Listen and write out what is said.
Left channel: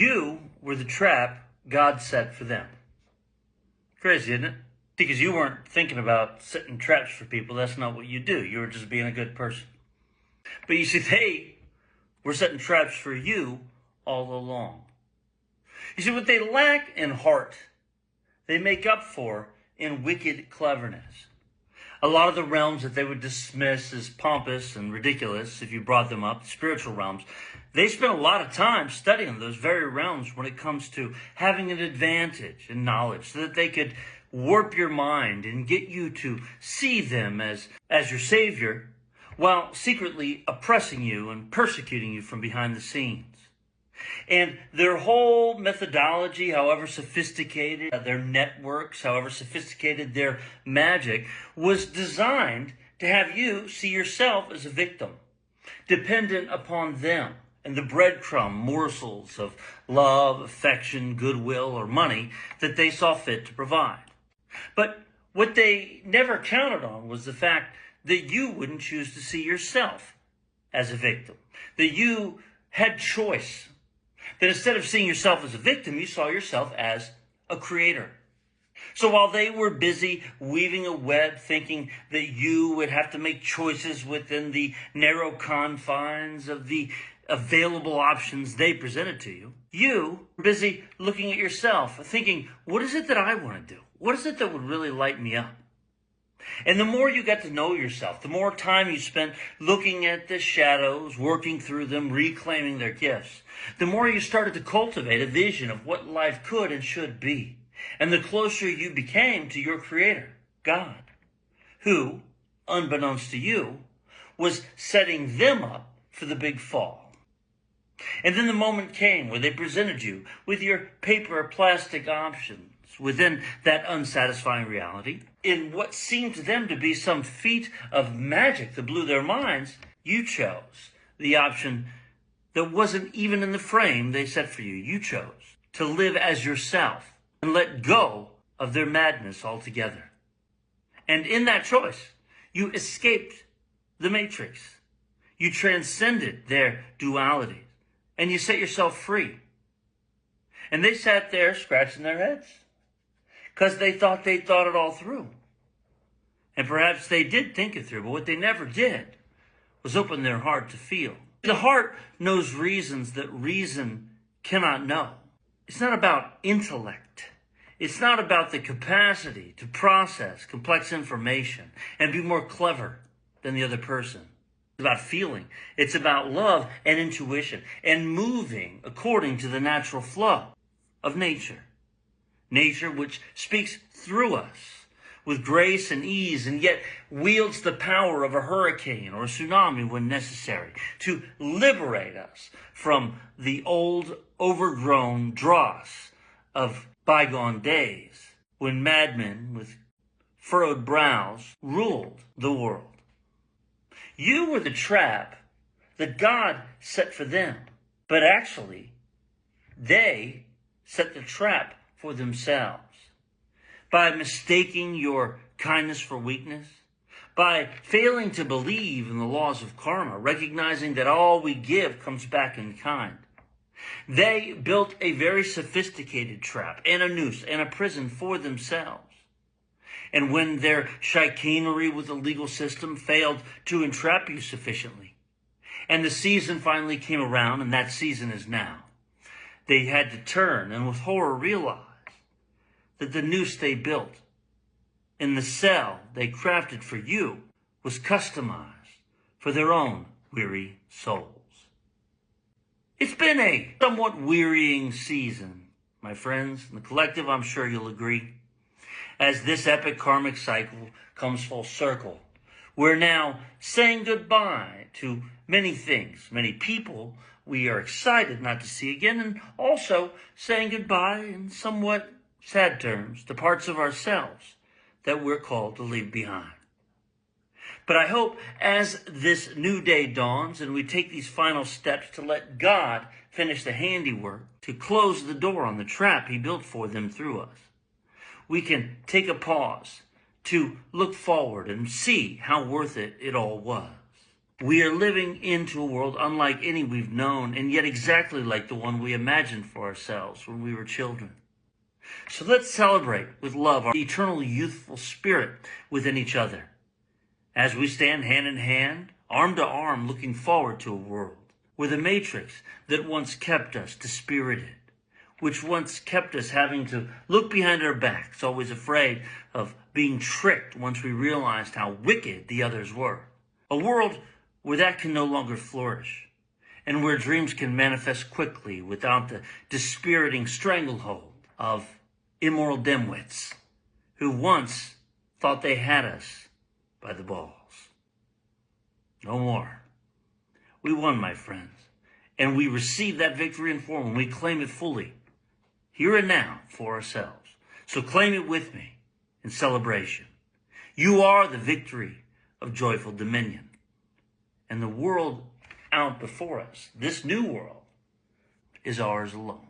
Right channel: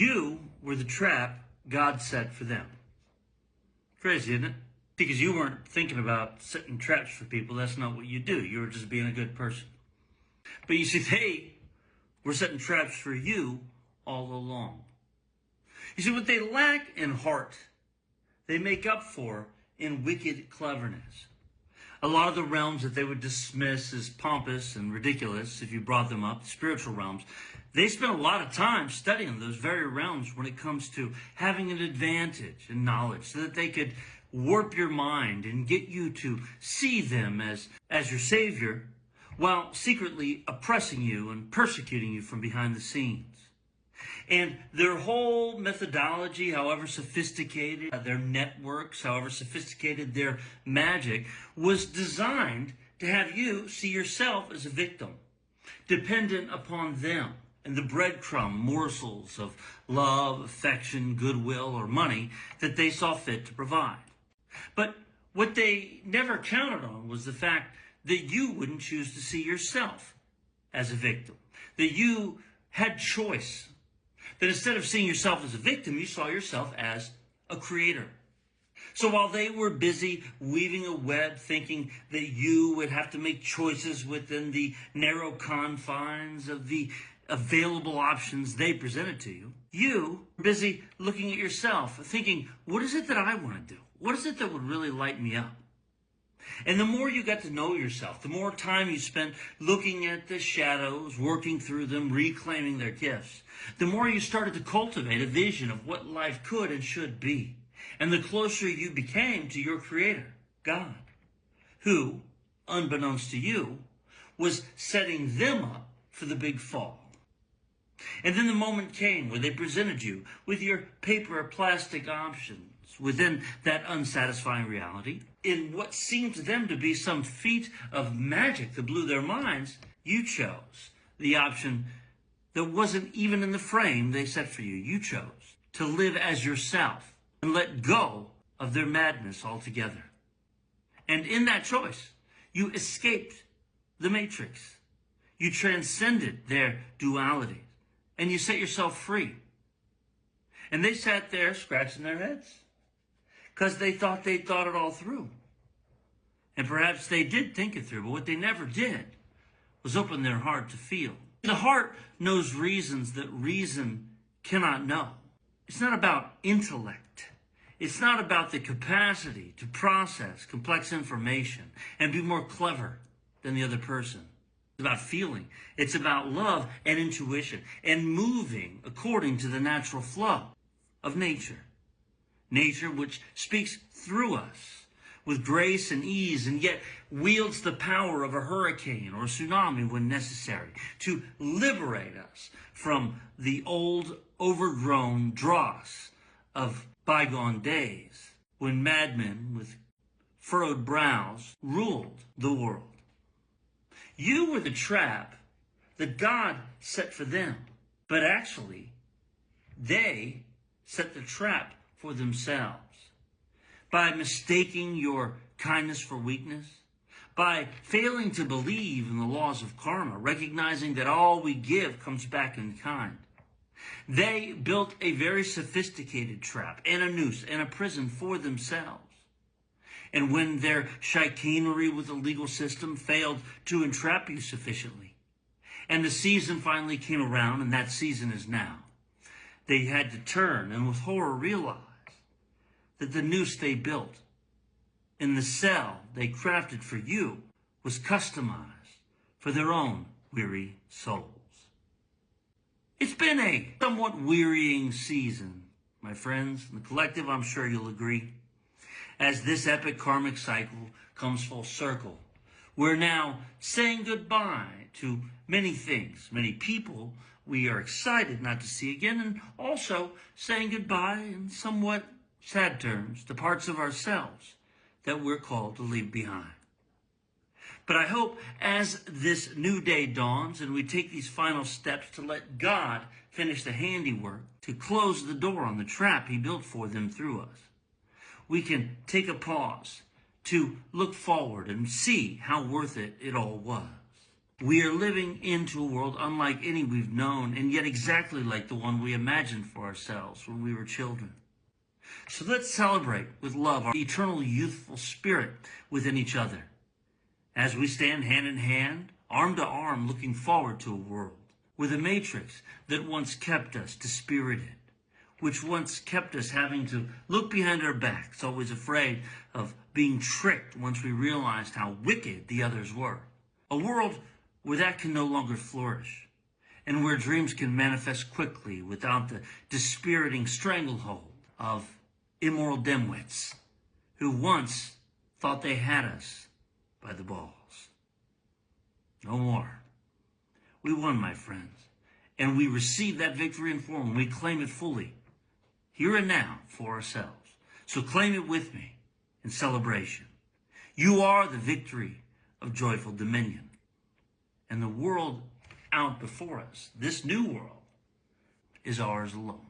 You were the trap God set for them. Crazy, isn't it? Because you weren't thinking about setting traps for people. That's not what you do. You were just being a good person. But you see, they were setting traps for you all along. You see, what they lack in heart, they make up for in wicked cleverness. A lot of the realms that they would dismiss as pompous and ridiculous, if you brought them up, spiritual realms, they spent a lot of time studying those very realms when it comes to having an advantage in knowledge so that they could warp your mind and get you to see them as your savior while secretly oppressing you and persecuting you from behind the scenes. And their whole methodology, however sophisticated, their networks, however sophisticated their magic, was designed to have you see yourself as a victim, dependent upon them and the breadcrumb morsels of love, affection, goodwill, or money that they saw fit to provide. But what they never counted on was the fact that you wouldn't choose to see yourself as a victim, that you had choice, that instead of seeing yourself as a victim, you saw yourself as a creator. So while they were busy weaving a web, thinking that you would have to make choices within the narrow confines of the available options they presented to you, you were busy looking at yourself, thinking, what is it that I want to do? What is it that would really light me up? And the more you got to know yourself, the more time you spent looking at the shadows, working through them, reclaiming their gifts, the more you started to cultivate a vision of what life could and should be. And the closer you became to your Creator, God, who, unbeknownst to you, was setting them up for the big fall. And then the moment came where they presented you with your paper or plastic options within that unsatisfying reality. In what seemed to them to be some feat of magic that blew their minds, you chose the option that wasn't even in the frame they set for you. You chose to live as yourself and let go of their madness altogether. And in that choice, you escaped the matrix. You transcended their dualities and you set yourself free. And they sat there scratching their heads because they thought they'd thought it all through. And perhaps they did think it through, but what they never did was open their heart to feel. The heart knows reasons that reason cannot know. It's not about intellect. It's not about the capacity to process complex information and be more clever than the other person. It's about feeling. It's about love and intuition and moving according to the natural flow of nature. Nature which speaks through us with grace and ease and yet wields the power of a hurricane or a tsunami when necessary to liberate us from the old overgrown dross of bygone days when madmen with furrowed brows ruled the world. You were the trap that God set for them, but actually they set the trap for themselves by mistaking your kindness for weakness, by failing to believe in the laws of karma, recognizing that all we give comes back in kind. They built a very sophisticated trap and a noose and a prison for themselves. And when their chicanery with the legal system failed to entrap you sufficiently, and the season finally came around, and that season is now, they had to turn and with horror realize that the noose they built and the cell they crafted for you was customized for their own weary souls. It's been a somewhat wearying season, my friends. In the collective, I'm sure you'll agree. As this epic karmic cycle comes full circle, we're now saying goodbye to many things, many people we are excited not to see again, and also saying goodbye in somewhat sad terms to parts of ourselves that we're called to leave behind. But I hope as this new day dawns and we take these final steps to let God finish the handiwork, to close the door on the trap he built for them through us, we can take a pause to look forward and see how worth it all was. We are living into a world unlike any we've known, and yet exactly like the one we imagined for ourselves when we were children. So let's celebrate with love our eternal youthful spirit within each other, as we stand hand in hand, arm to arm, looking forward to a world where the matrix that once kept us dispirited, which once kept us having to look behind our backs, always afraid of being tricked once we realized how wicked the others were. A world where that can no longer flourish, and where dreams can manifest quickly without the dispiriting stranglehold of immoral dimwits who once thought they had us by the balls. No more. We won, my friends, and we receive that victory in full, and we claim it fully, here and now, for ourselves. So claim it with me in celebration. You are the victory of joyful dominion. And the world out before us, this new world, is ours alone.